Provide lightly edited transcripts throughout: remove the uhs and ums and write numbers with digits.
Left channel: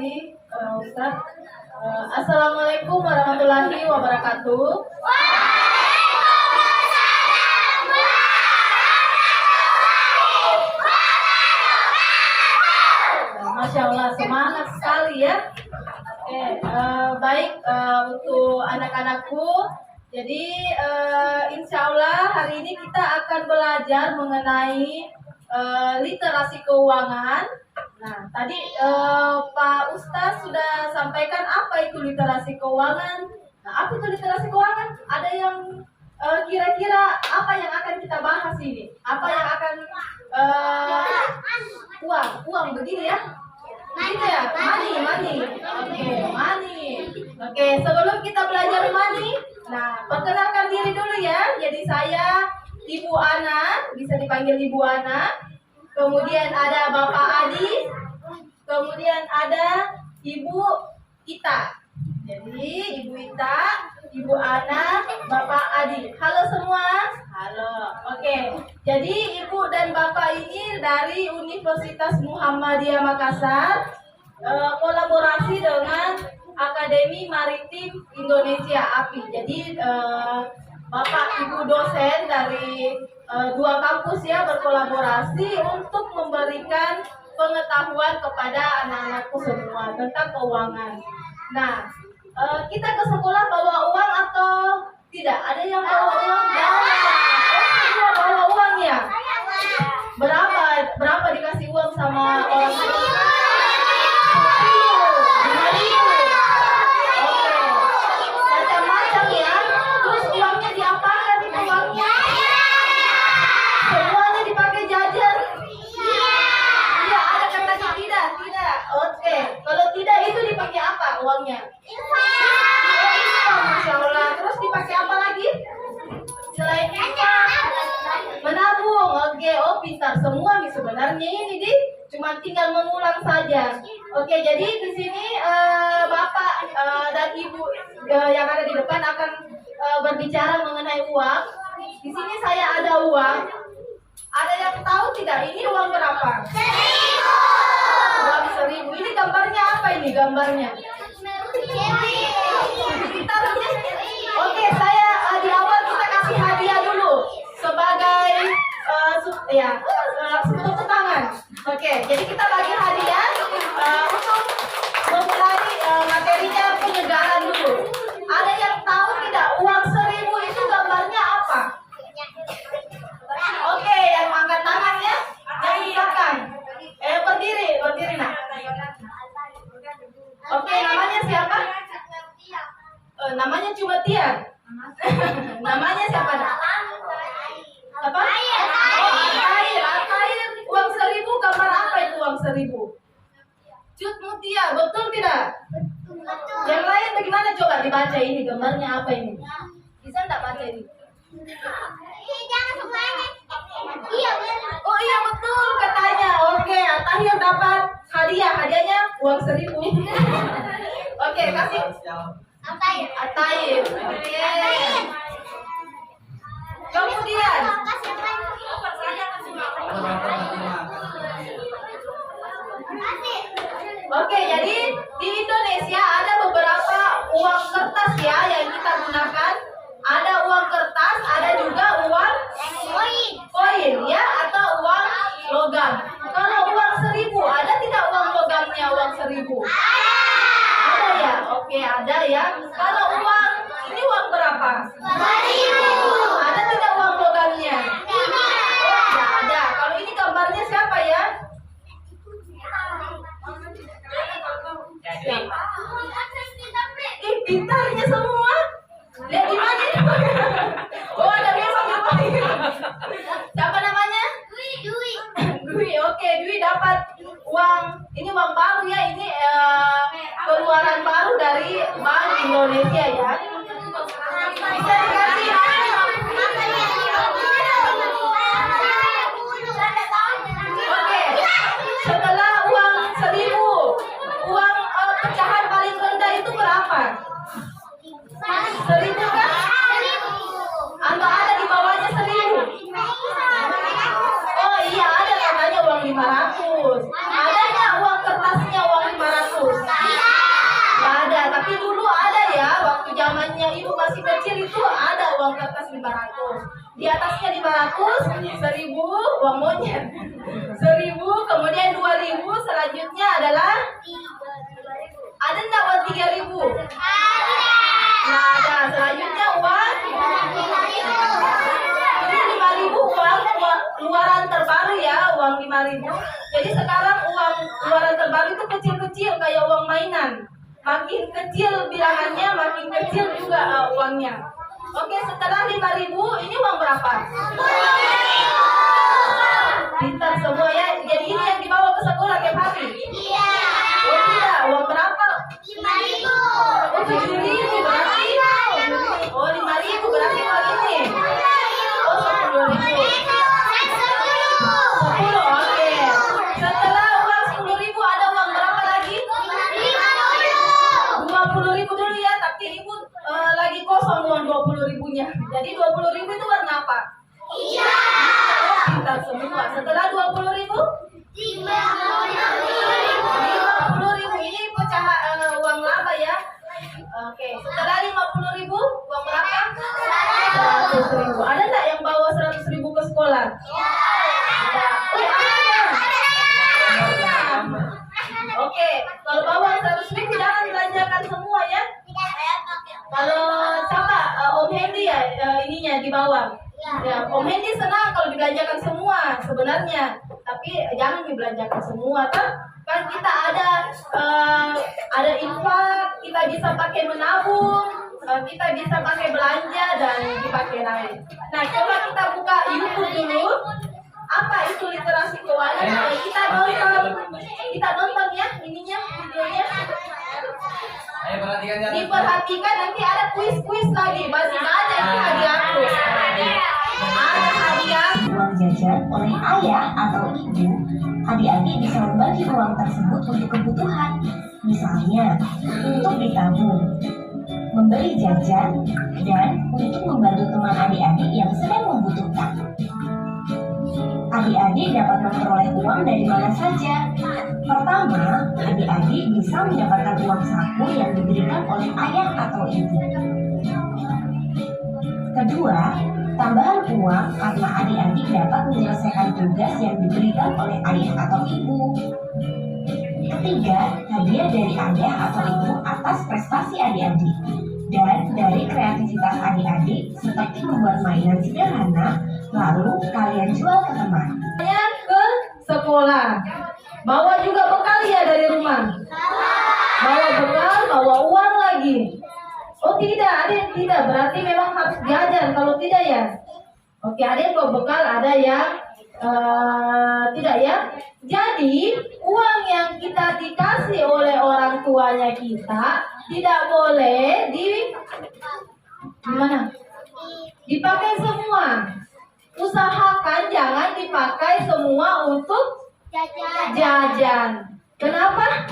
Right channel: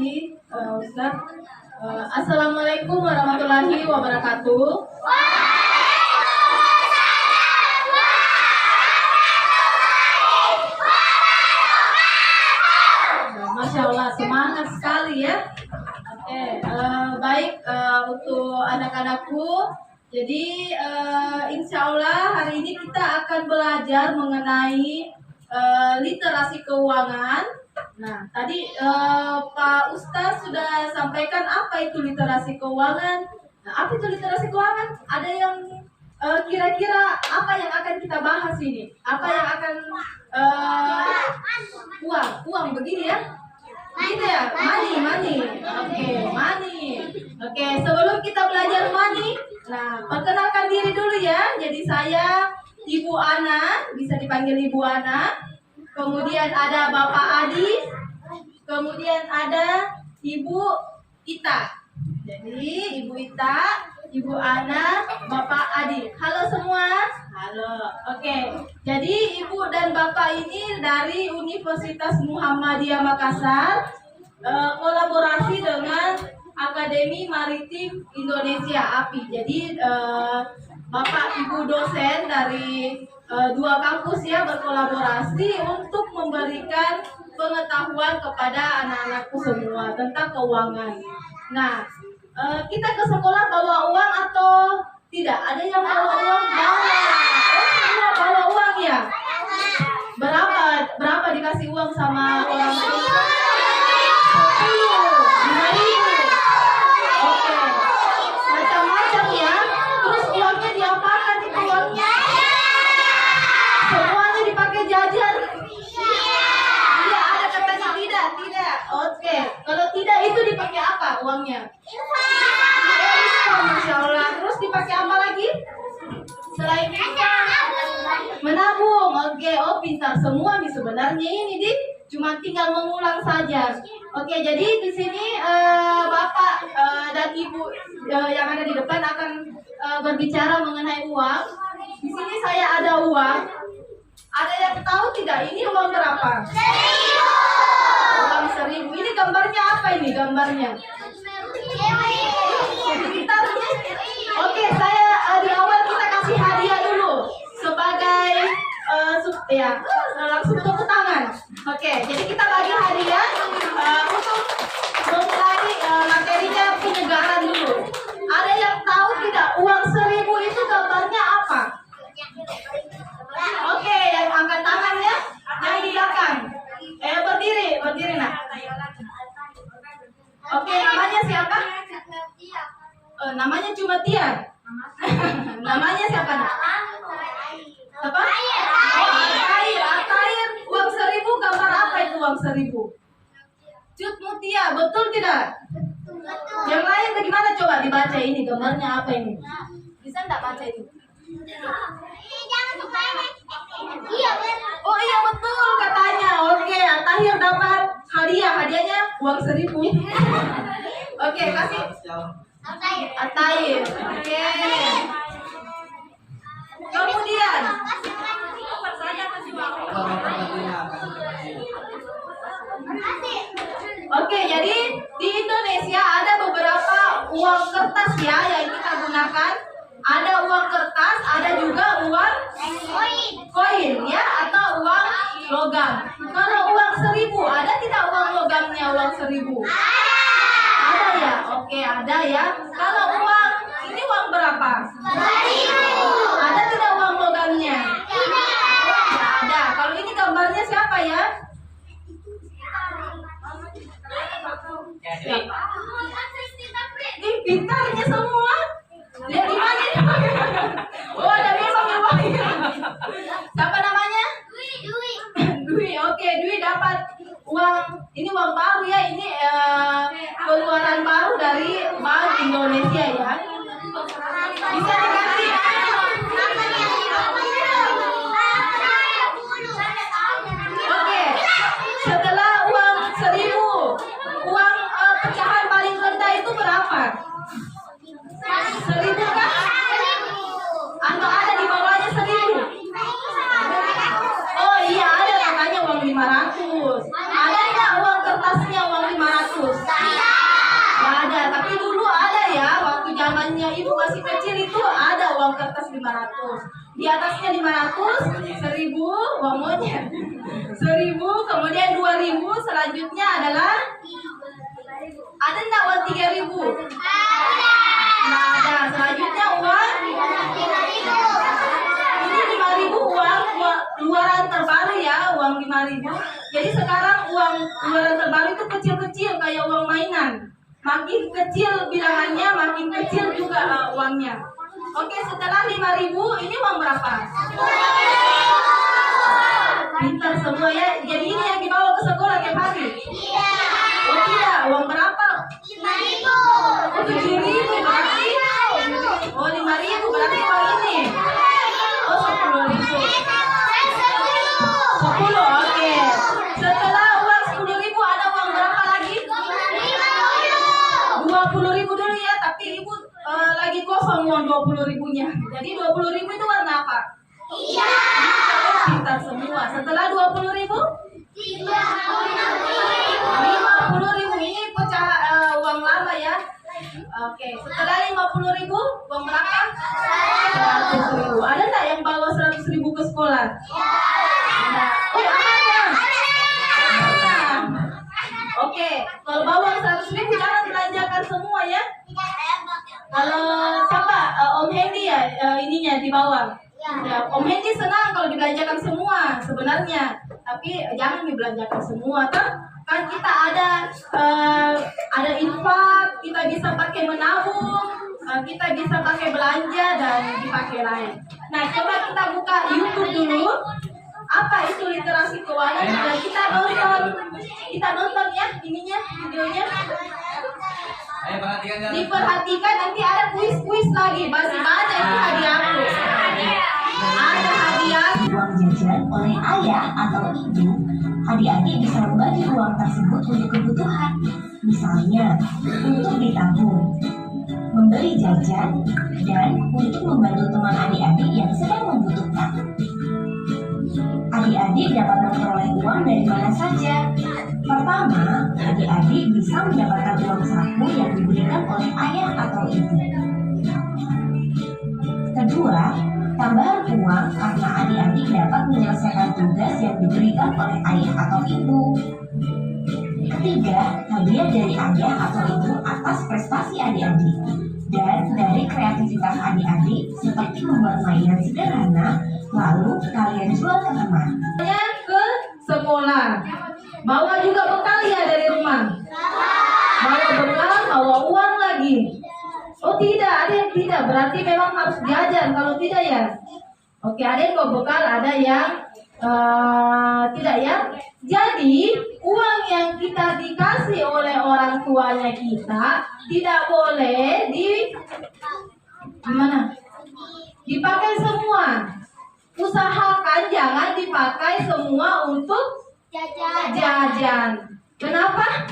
kasih Ustadz. Assalamualaikum warahmatullahi wabarakatuh. Masya Allah, semangat sekali ya. Oke, baik untuk anak-anakku. Jadi insya Allah hari ini kita akan belajar mengenai literasi keuangan. Nah, tadi Pak Ustadz sudah sampaikan apa itu literasi keuangan. Nah, apa itu literasi keuangan? Ada yang kira-kira apa yang akan kita bahas ini? Apa yang akan uang begini ya? Gitu ya, money. Oke, money. Oke, sebelum kita belajar money, nah perkenalkan diri dulu ya. Jadi saya Ibu Ana, bisa dipanggil Ibu Ana. Kemudian ada Bapak Adi. Kemudian ada Ibu Ita. Jadi Ibu Ita, Ibu Ana, Bapak Adi. Halo semua. Halo. Oke. Jadi Ibu dan Bapak ini dari Universitas Muhammadiyah Makassar, kolaborasi dengan Akademi Maritim Indonesia (API). Jadi Bapak Ibu dosen dari dua kampus ya berkolaborasi untuk memberikan pengetahuan kepada anak-anakku semua tentang keuangan. Nah, kita ke sekolah bawa uang atau tidak? Ada yang bawa uang? Bawa. Semua bawa uang ya? Berapa dikasih uang sama orang tua? 5.000. Oke. Macam-macam ya. Terus uangnya diapakan itu uangnya? Semuanya dipakai jajan? Iya, ada katanya tidak. Oke. Kalau tidak itu dipakai apa uangnya? Masya Allah. Terus dipakai apa lagi? Selain infak, menabung. Oke, pintar semua nih sebenarnya ini cuma tinggal mengulang saja. Oke, jadi di sini Bapak dan Ibu yang ada di depan akan berbicara mengenai uang. Di sini saya ada uang. Ada yang tahu tidak ini uang berapa? 1.000. Uang 1.000. Ini gambarnya apa ini gambarnya? Oke, saya di awal kita kasih hadiah dulu sebagai langsung tepuk tangan. Oke, jadi kita bagi hadiah untuk memulai materinya penyegaran dulu. Ada yang tahu tidak uang 1.000 itu gambarnya apa? Oke, yang angkat tangan ya, yang di belakang. Berdiri nak. Oke, namanya siapa? Namanya cuma Tia. Namanya siapa nak? Apa? Oh, Altair. Uang 1.000 gambar apa itu uang 1.000? Cut Mutia, betul tidak? Betul. Yang lain bagaimana coba dibaca ini gambarnya apa ini? Bisa enggak baca ini? Oh iya betul katanya. Oke, Altair dapat hadiah. Hadiahnya uang 1.000. Oke, kasih. Altair. Oke. Kemudian Oke, jadi di Indonesia ada beberapa uang kertas ya yang kita gunakan. Ada uang kertas, ada juga uang koin ya atau uang logam. Kalau uang 1.000 ada tidak uang logamnya uang 1.000? Ada ya? Oke, ada ya. Kalau uang ini uang berapa? 1.000. Ada tidak uang logamnya? Oh, tidak ada. Kalau ini gambarnya siapa ya? Siapa? Ih, pintarnya semua. Lihat di mana? Oh, ada besok di bawah. Siapa namanya? Dwi. Oke, Dwi dapat uang. Ini uang baru ya. Ini keluaran baru dari Bank Indonesia ya. Bisa dikasih. Oke. Setelah uang 1.000, uang pecahan paling rendah itu berapa? 1.000 kan? Atau ada di bawahnya 1.000? Oh iya ada namanya uang 500. Ada nggak uang kertasnya uang 500? zamannya ibu masih kecil itu ada uang kertas 500. Di atasnya 500, 1000 uang monyet. 1000, kemudian 2000, selanjutnya adalah ada enggak uang 3000? Nah, ada. Selanjutnya uang ini 5000 uang luaran terbaru ya, uang 5000. Jadi sekarang uang luaran terbaru itu kecil-kecil kayak uang mainan. Makin kecil bilangannya, makin kecil juga uangnya. Oke, setelah 5000 ini uang berapa? Pintar semua ya. Jadi ini yang dibawa ke sekolah tiap hari? Oh tidak, uang berapa? 5000. Oh 7000 berarti? Oh 5000 berarti uang ini? Oh 10.000. 10, oke. Setelah uang 10.000 ada uang berapa lagi? 20.000 dulu ya, tapi ibu lagi kosong uang 20.000-nya. Jadi 20.000 itu warna apa? Pintar semua. Setelah 20.000? 50.000 ini pecah uang lama ya. Oke, setelah 50.000 uang berapa? 100.000. Ada nggak yang bawa 100.000 ke sekolah? Ada. Oh, ada. Oke, kalau bawa 100.000 jangan belanjakan semua ya. Kalau siapa? Om Hendy ya ininya di bawah. Ya, Om Hendy senang kalau dibelanjakan semua sebenarnya, tapi jangan dibelanjakan semua kan? Kan kita ada infak, kita bisa pakai menabung, kita bisa pakai belanja dan dipakai lain. Nah, coba kita buka YouTube dulu. Apa itu literasi keuangan? Dan kita nonton ya ininya, videonya. Diperhatikan, nanti ada kuis lagi. Masih banyak ini hadiahku. Ada hadiah. Uang jajan oleh ayah atau ibu, adik-adik bisa membagi uang tersebut untuk kebutuhan. Misalnya, untuk ditabung, membeli jajan, dan untuk membantu teman adik-adik yang sedang membutuhkan. Adik-adik dapat memperoleh uang dari mana saja. Pertama, adik-adik bisa mendapatkan uang saku yang diberikan oleh ayah atau ibu. Kedua, tambahan uang karena adik-adik dapat menyelesaikan tugas yang diberikan oleh ayah atau ibu. Ketiga, hadiah dari ayah atau ibu atas prestasi adik-adik. Dan dari kreativitas adik-adik seperti membuat mainan sederhana, lalu kalian jual ke teman. Ke sekolah. Bawa juga bekal ya dari rumah. Bawa bekal, bawa uang lagi. Oh tidak, ada yang tidak. Berarti memang harus jajan. Kalau tidak ya. Oke, ada yang bawa bekal, ada yang tidak ya. Jadi uang yang kita dikasih oleh orang tuanya kita tidak boleh dipakai semua. Usahakan jangan dipakai semua untuk jajan. Kenapa?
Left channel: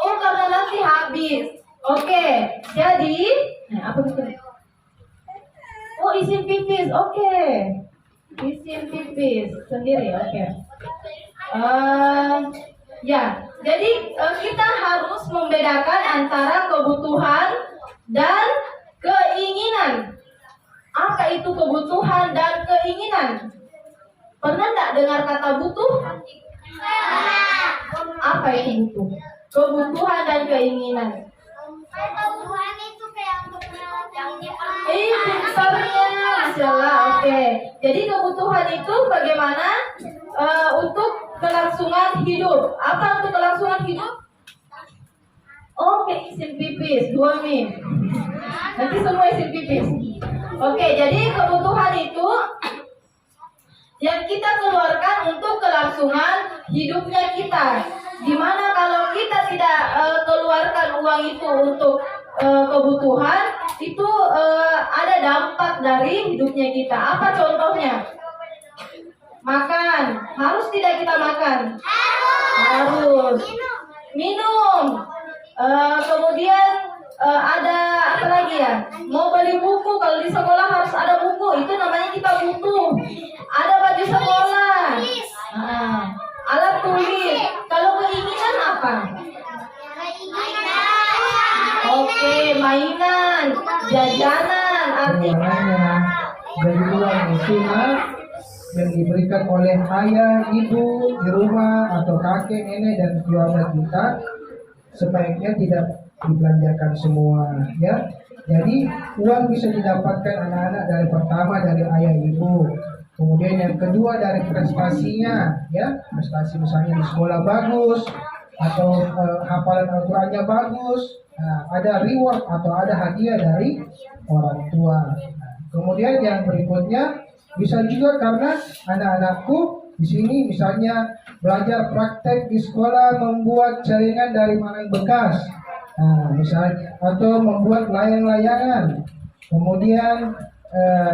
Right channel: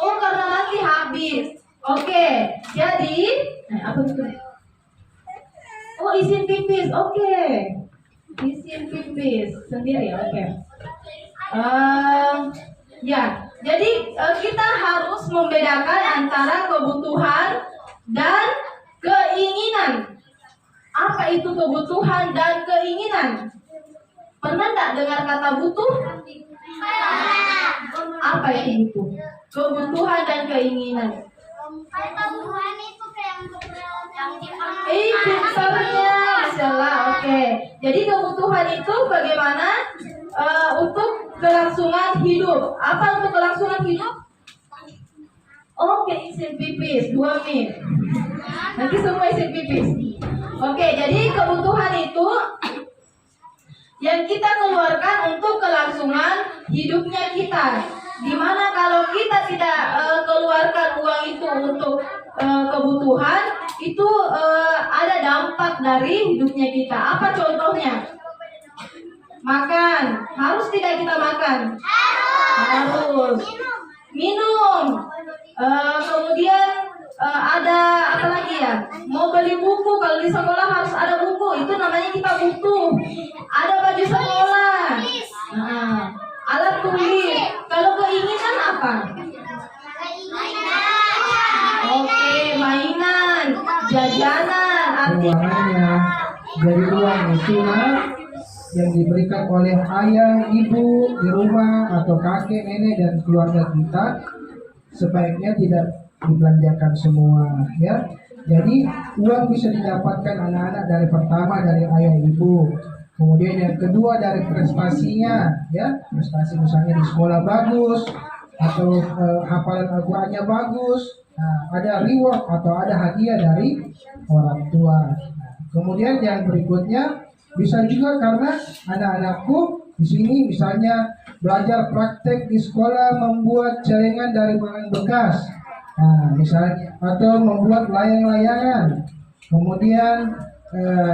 Oh, karena nanti habis. Oke, jadi apa itu? Oh, isin pipis. Oke. Isin pipis sendiri. Oke. Ya, jadi kita harus membedakan antara kebutuhan dan keinginan. Apa itu kebutuhan dan keinginan? Pernah enggak dengar kata butuh? Apa itu butuh? Kebutuhan dan keinginan. Kebutuhan itu kayak untuk Pintarnya, masalah. Oke. Jadi kebutuhan itu bagaimana untuk kelangsungan hidup. Apa untuk kelangsungan hidup? Oke, isin pipis 2 mie. Nanti semua isin pipis. Oke, jadi kebutuhan itu yang kita keluarkan untuk kelangsungan hidupnya kita. Dimana kalau kita tidak keluarkan uang itu untuk kebutuhan, itu ada dampak dari hidupnya kita. Apa contohnya? Makan. Harus tidak kita makan? Harus. Minum. Kemudian ada apa lagi ya? Mau beli buku, kalau di sekolah harus ada buku, itu namanya kita butuh. Ada baju sekolah, alat tulis. Kalau keinginan apa? arti uangnya. Jadi uang itu yang diberikan oleh ayah, ibu di rumah atau kakek, nenek dan keluarga kita sebaiknya tidak dibelanjakan semua, ya. Jadi uang bisa didapatkan anak-anak dari pertama dari ayah ibu, kemudian yang kedua dari prestasinya, ya, prestasi misalnya di sekolah bagus atau hafalan Al-Qur'annya bagus. Nah, ada reward atau ada hadiah dari orang tua. Nah, kemudian yang berikutnya bisa juga karena anak-anakku di sini misalnya belajar praktek di sekolah membuat celengan dari barang bekas. Nah, misalnya atau membuat layang-layangan. Kemudian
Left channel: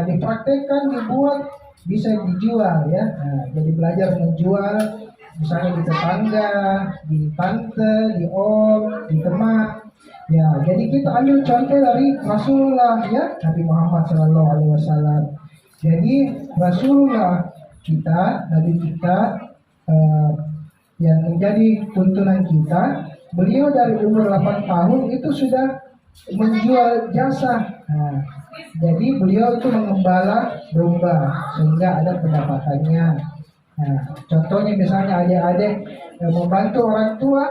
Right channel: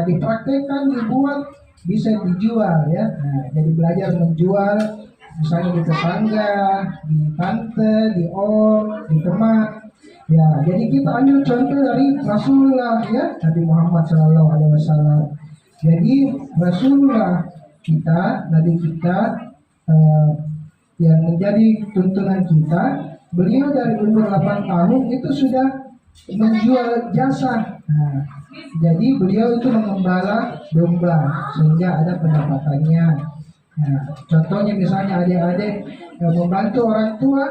dipraktekkan, dibuat, bisa dijual, ya. Nah, jadi belajar menjual misalnya di tetangga, di tante, di om, di teman. Ya, jadi kita ambil contoh dari Rasulullah, ya, Nabi Muhammad SAW. Jadi Rasulullah kita, Nabi kita yang menjadi tuntunan kita, beliau dari umur 8 tahun itu sudah menjual jasa. Nah, jadi beliau itu mengembala domba sehingga ada pendapatannya. Nah, contohnya misalnya adik-adik membantu orang tua,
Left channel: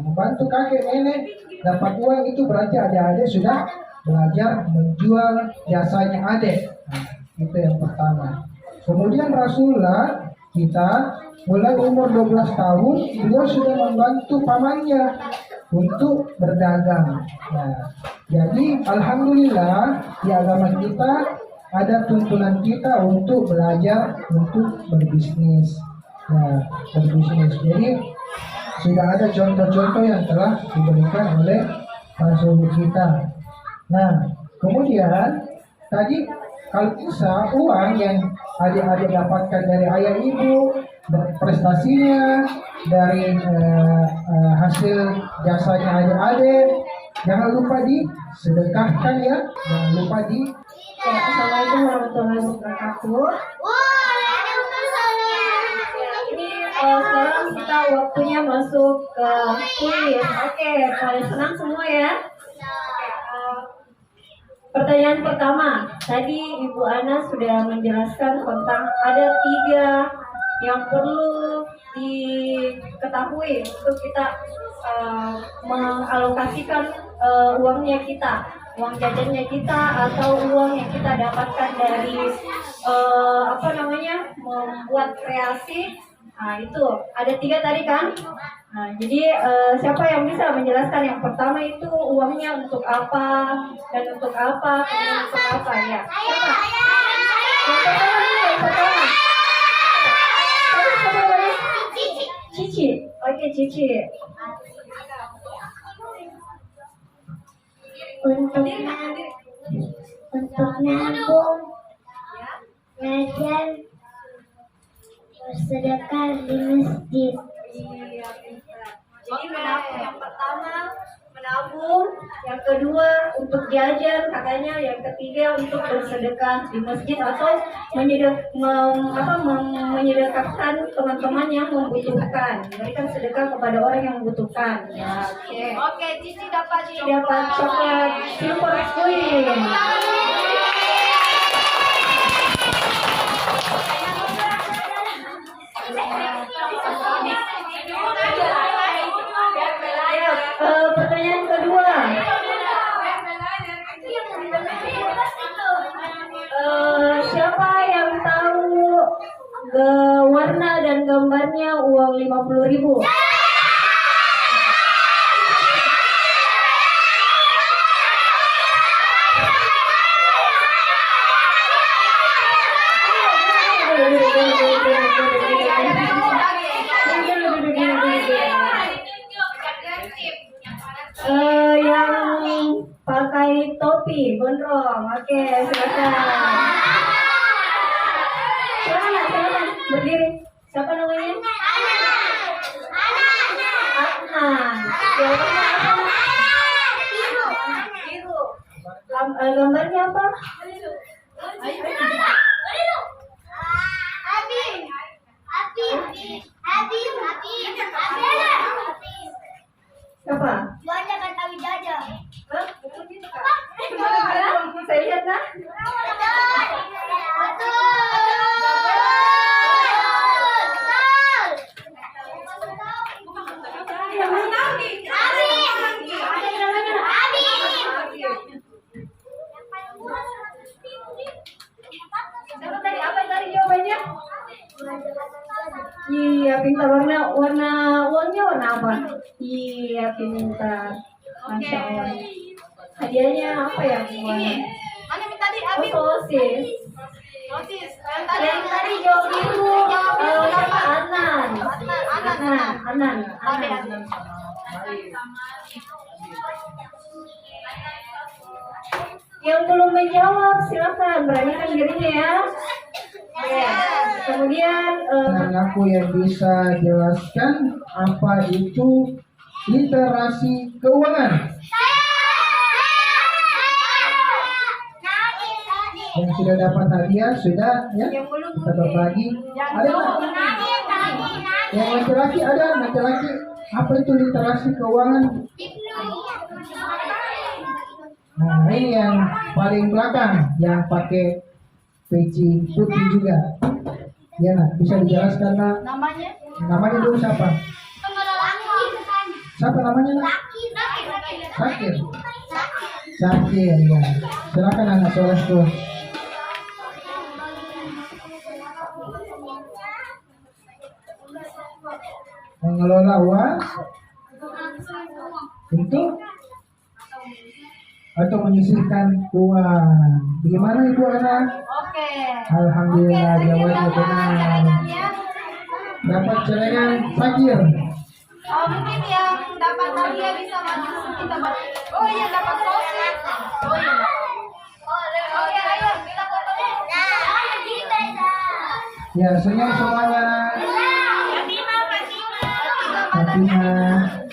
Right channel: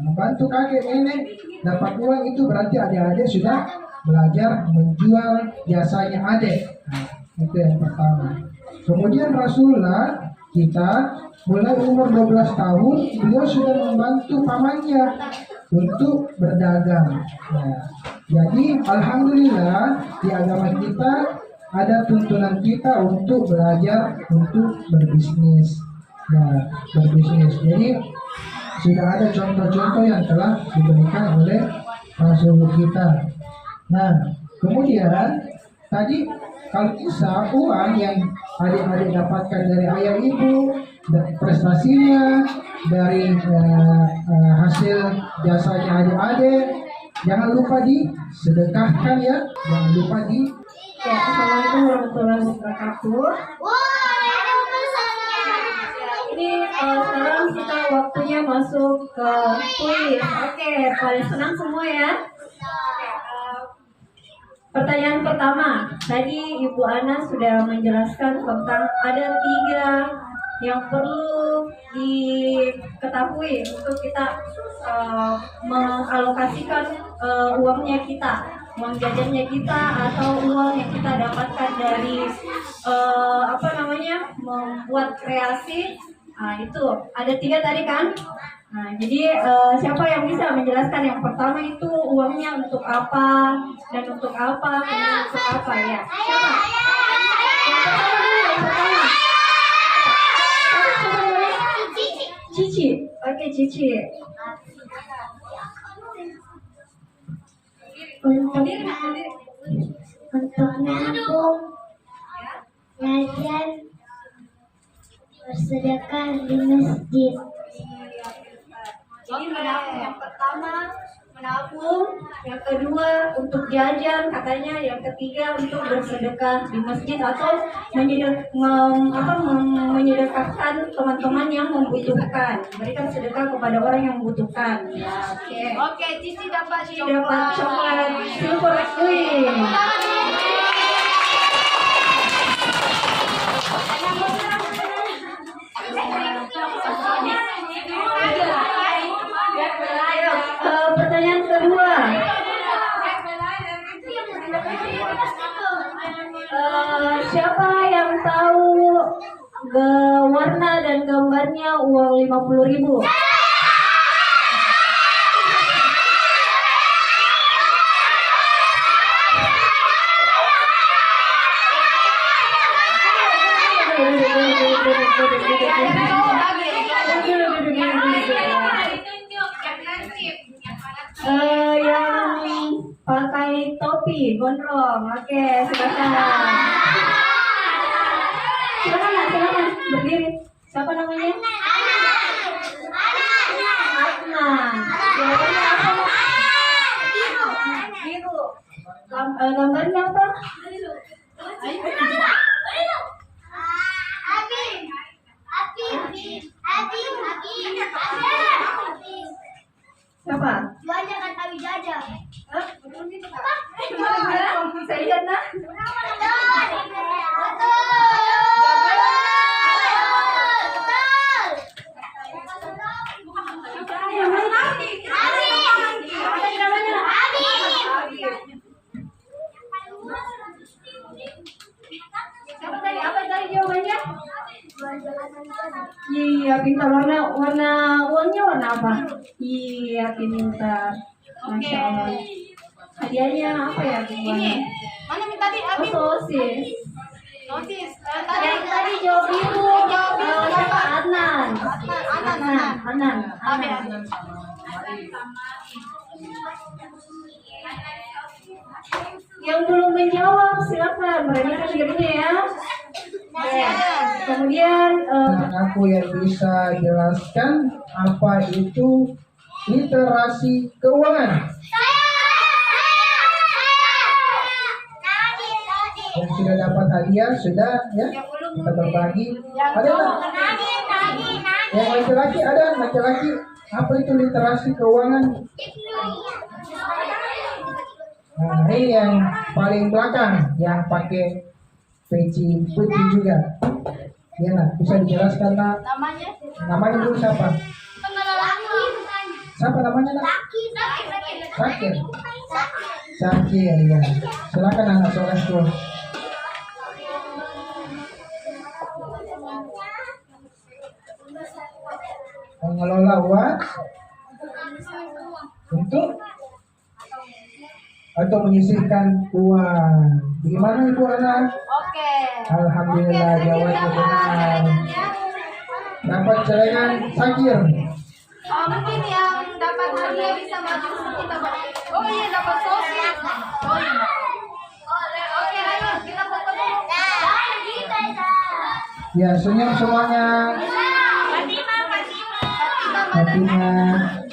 membantu kakek nenek, dapat uang, itu berarti adik-adik sudah belajar menjual jasanya adik. Nah, itu yang pertama. Kemudian Rasulullah kita mulai umur 12 tahun beliau sudah membantu pamannya untuk berdagang. Nah, jadi alhamdulillah di agama kita ada tuntunan kita untuk belajar untuk berbisnis. Nah, berbisnis. Jadi sudah ada contoh-contoh yang telah diberikan oleh Rasul kita. Nah, kemudian tadi kalau bisa uang yang adik-adik dapatkan dari ayah ibu, dari prestasinya, dari hasil jasanya adik-adik, jangan lupa disedekahkan, ya. Jangan lupa di. Assalamualaikum warahmatullahi wabarakatuh. Ini sekarang kita waktunya masuk ke kuis. Oke, pada senang semua ya. Pertanyaan pertama, tadi Ibu Ana sudah menjelaskan tentang ada 3 yang perlu diketahui untuk kita mengalokasikan uangnya kita, uang jajannya kita atau uang yang kita dapatkan dari membuat kreasi. Nah, itu ada 3 tadi kan. Nah, jadi siapa yang bisa menjelaskan yang pertama itu uangnya untuk apa dan untuk apa, kemudian untuk apa, ya? Siapa? Yang pertama. Cici. Oke, Cici. Untuk nabung, ngajar, bersedekah di masjid. Jadi menabung yang pertama, menabung, yang kedua untuk jajan katanya, yang ketiga untuk bersedekah di masjid atau menyedekahkan teman-teman yang membutuhkan, memberikan sedekah kepada orang yang membutuhkan. Ya, oke. Cici dapat coklat Silver Queen. Pertanyaan kedua, siapa yang tahu warna dan gambarnya uang 50.000? Yang pakai topi gondrong. Oke, silakan. Silakan berdiri. Siapa namanya? Adnan. Jawabannya apa? Biru. Gambarnya apa? Siapa? Jualan Jakarta Wijaya. Hah? Betul gitu, Kak? Saya lihat dah. pintar. Warna uangnya warna apa? Iya, pintar. Masya Allah. Hadiahnya apa ya? Ini. Mana yang tadi Oh, Abi? sosis. Notis. Yang tadi jawab itu siapa? Anan. Anan. Abi. Yang belum menjawab silakan beranikan dirinya ya. Masih ada. Kemudian Dan aku yang bisa jelaskan apa itu literasi keuangan. Yang sudah dapat hadiah sudah ya, kita berbagi. Ada nggak? Yang laki-laki ada, laki-laki apa itu literasi keuangan? Nah, ini yang paling belakang yang pakai peci putih juga. Ya, nak bisa dijelaskan nak? Namanya? Namanya dulu siapa? Siapa namanya nak? Sakir. Sakir ya. Silakan anak solehku. Mengelola uang untuk atau menyisihkan uang. Bagaimana ibu anak? Oke. Alhamdulillah jawabannya benar. Dapat celengan Sakir. Mungkin yang dapat hadiah bisa maju kita Oh iya dapat sosis. Oh iya. Oke, ayo kita foto dulu. Ya senyum semuanya. Fatimah.